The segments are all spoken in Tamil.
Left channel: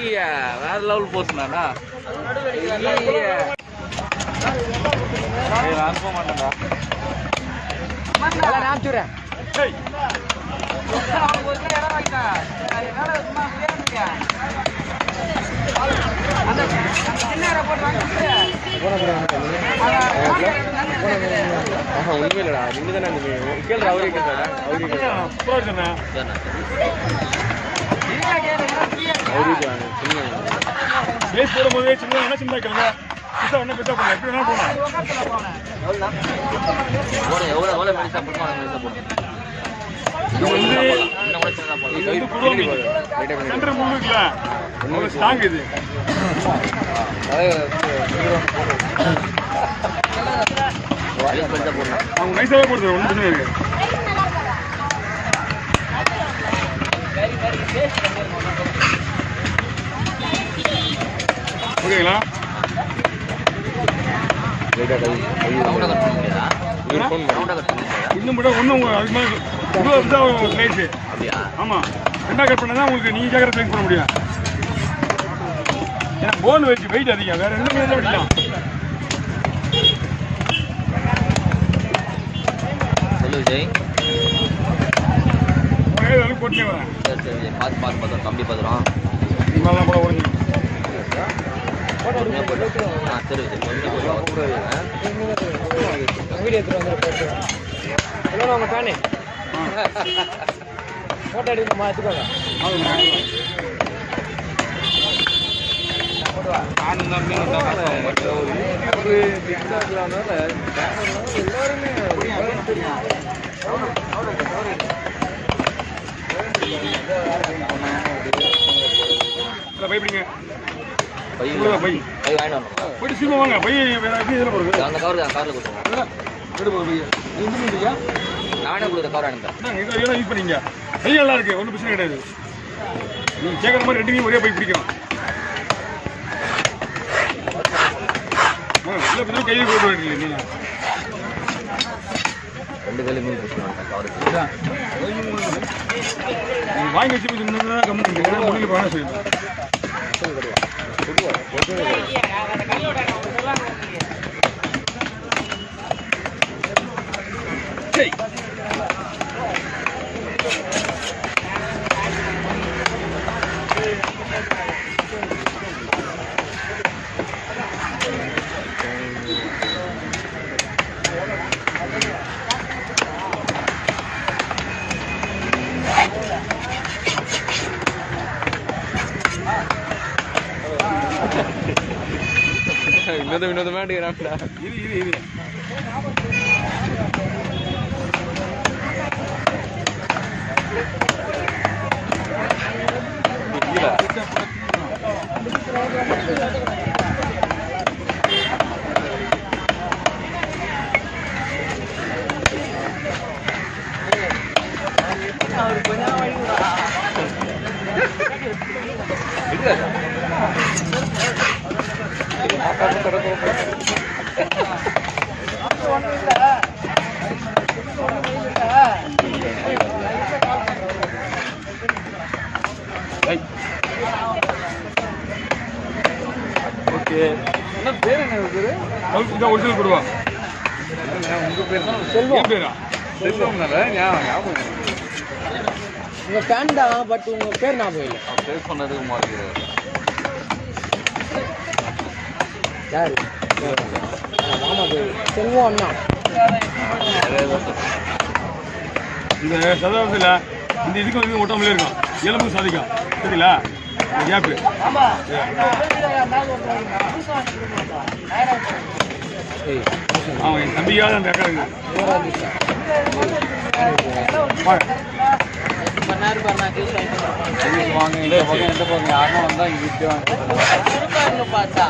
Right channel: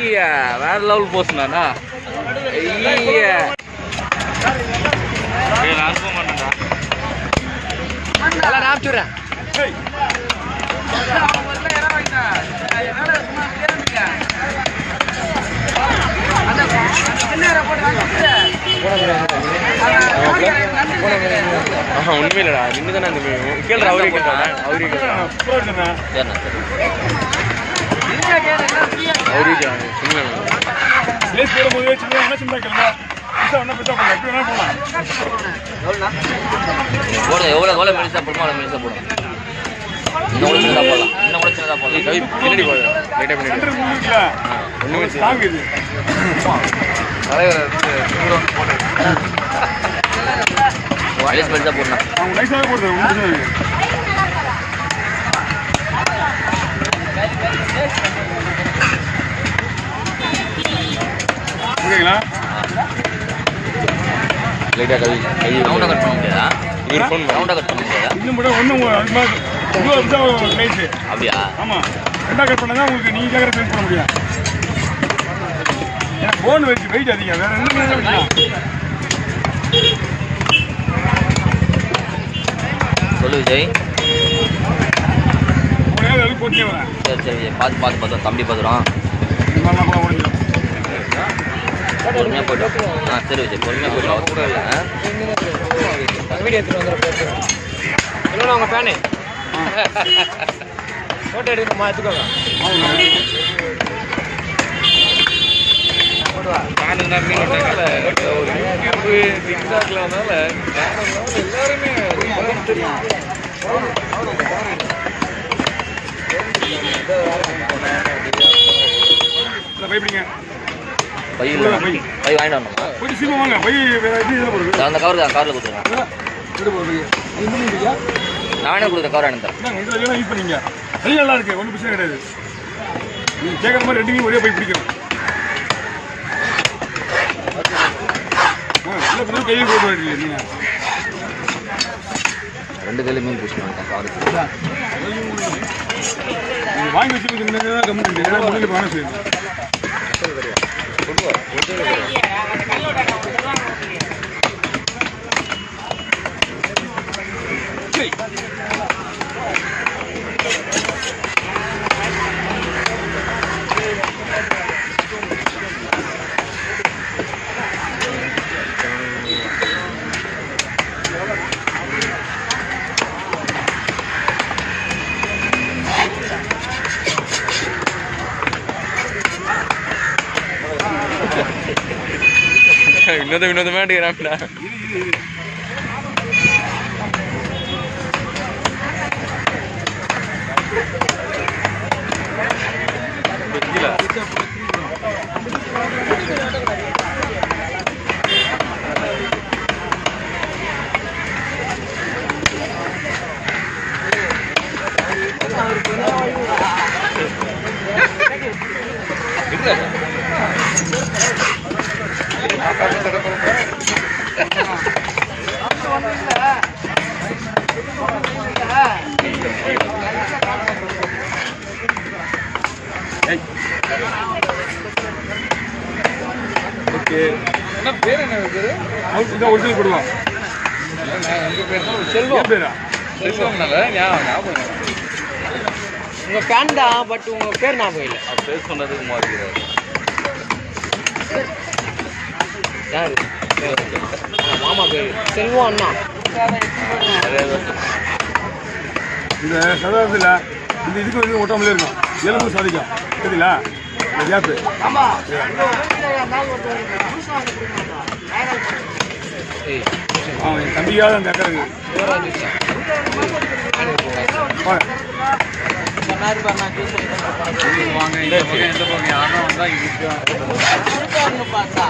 வேற லெவல் போஸ்ட்ண்ணா. நான் போக மாட்டேன்டா. எல்லாம் நான் சொல்றேன். ஒண்ணுமே இல்லடா. நின்று தானே அந்த கேள்ற அவரே கேட்டாடா. அவரே எவ்வளவு மெலிசா போடுமா அவ்வளவு மெலிசா போடும். இன்னும் கூட சின்னதா போடலாம். பின்னாடி போகுது. லைட்டா பின்னாடி. ஒண்ணுமே ஸ்ட்ராங் இது. வாய்ஸ் மெலிசா போடலாம். அவங்க நைஸா தான் போடுறது. ஒண்ணு பிரச்சனை இல்லை. ஓகேங்களா? லைட்டா கை ரவுண்டா கட் பண்ண முடியாதா? இது ஃபோன் ரவுண்டா கட் பண்ண முடியாதா? இன்னும் கூட ஒன்றும் அது மாதிரி 20 சைஸ். அப்படியா? ஆமாம். ரெண்டா கட் பண்ணால் தான் உங்களுக்கு நீங்கள் கேட்குற சைஸ் பண்ண முடியும். ஏன்னா போன் வச்சு வெயிட் அதிகம். வேறு எந்த மீனில் பிடிக்கலாம். சொல்லு விஜய். உடனே அதுக்கு போட்டே வரேன். சரி சரி பார்த்து தம்பி பார்த்துறோம். நல்லா கூட உடஞ்சிடும். பொறுமையாக போய்ட்டு. சரி விஜய் பொறுமையாக போய்ட்டு. வீடியோ எடுத்துட்டு வந்துடுறேன். இல்லைண்ணா உங்கள் ஃபேனு ஃபோட்டோ எடுக்கணுமா? எடுத்துக்கோங்க. பயப்படுங்க. பை வாங்கிட்டு வரணும். போயிட்டு சீமா வாங்க. பை எப்படி இதில் போடுறது? அந்த கவரில் கொடுத்துருவோம். நானே கொடுத்த கவர் அனுப்பேன். இதில் எல்லாம் யூஸ் பண்ணிங்க. கையில் நல்லா இருக்கு. ஒன்றும் பிரச்சனை கிடையாது. நீங்கள் கேட்குற மாதிரி ரெண்டுமே ஒரே போய் பிடிக்கணும். இல்லை பிறகு கையில் போட்டு வரீங்க நீங்கள். ரெண்டு கையில மீன் பிடிச்சிருக்கேன். நீங்கள் வாங்கி வச்சு கம்மிட்டு ஏன்னா முடியல வாங்க சொல்லுங்கள். வினோதமா எடுக்கிறான்டா. ஒரிஜினல் கொடுவான். செல்வம் பேரா? உங்க ஃபேன் தான். பட் உங்க பேர் ஞாபகம் இல்லை. பேர் சொன்னது யாரு? மாமா பேர் செல்வம் அண்ணா. இந்த சதாப்தியில் இந்த இதுக்கு வந்து ஒட்டாமலே இருக்கும். எலும்பு சாதிக்கும். சரிங்களா? இந்த கேப்பு அவன் என் தம்பியாவது அந்த அக்கா இருக்கு. வாங்க இந்த பக்கம் எந்த பக்கம் யாருன்னா வந்தால் இங்கே பார்த்தா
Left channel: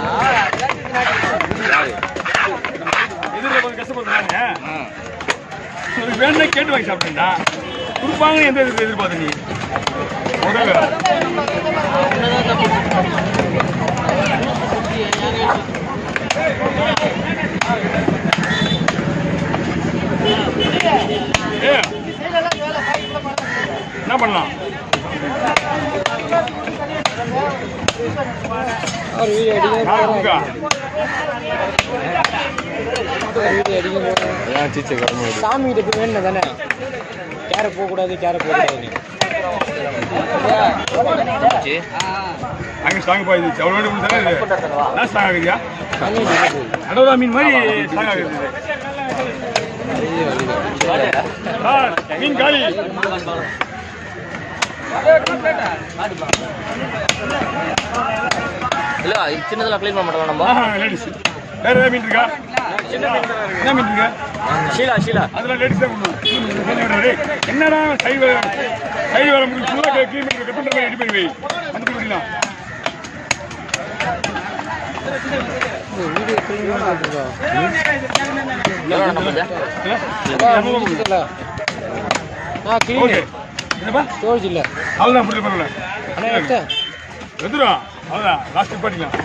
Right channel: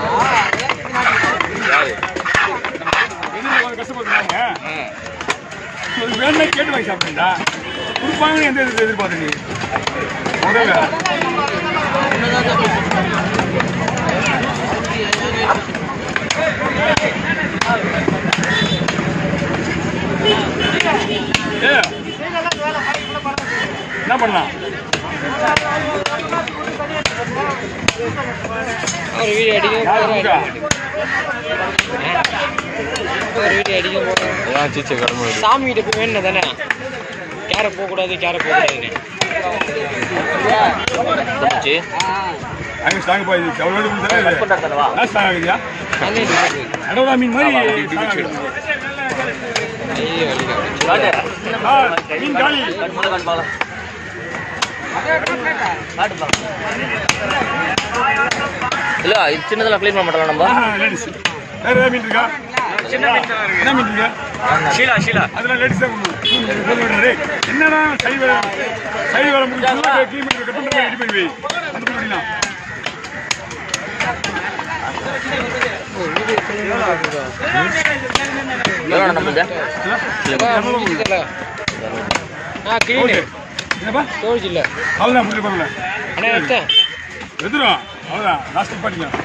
எதிரில் கொஞ்சம் கஷ்டப்படுறாங்க. அது வேணும்னா கேட்டு வாங்கி சாப்பிட்டேன்டா. கொடுப்பாங்கன்னு எந்த எதிர்பார்த்த நீ முதல்ல என்ன பண்ணலாம்? ஒரு வீடியோ அடிக்க யாரு கொடுக்கா? ஒரு வீடியோ அடிக்க போகிறேன். சாமி கிட்ட போய் வேணும் தானே, கேரை போகக்கூடாது, கேரை போகக்கூடாதுன்னு. அங்கே ஸ்ட்ராங் பாய் எவ்வளோ வேணும் தானே நான் ஸ்ட்ராங் ஆகுதியா? அடோதா மீன் மாதிரி ஸ்ட்ராங் ஆகுது. மீன் காலி. இல்ல சின்னதெல்லாம் க்ளீன் பண்ண மாட்டோம் நம்ம. லேடிஸ் வேற ஏதாவது மீன் இருக்கா? என்ன மீன் இருக்கா? ஷீலா அதெல்லாம் லேடிஸ் தான் கொண்டு. என்னடா சைவ வேலை முடிச்சு க்ளீன் பண்ணி கட் பண்ணுற ரெடி பண்ணி வை. அந்த பண்ணிடலாம். என்னப்பா ஸ்டோரேஜ் இல்லை. அவ்வளோதான் புரிய பரவாயில்ல. அண்ணா எடுத்தேன் எதுரா அவ்வளோதான் லாஸ்ட் பாட்டிக்கலாம்.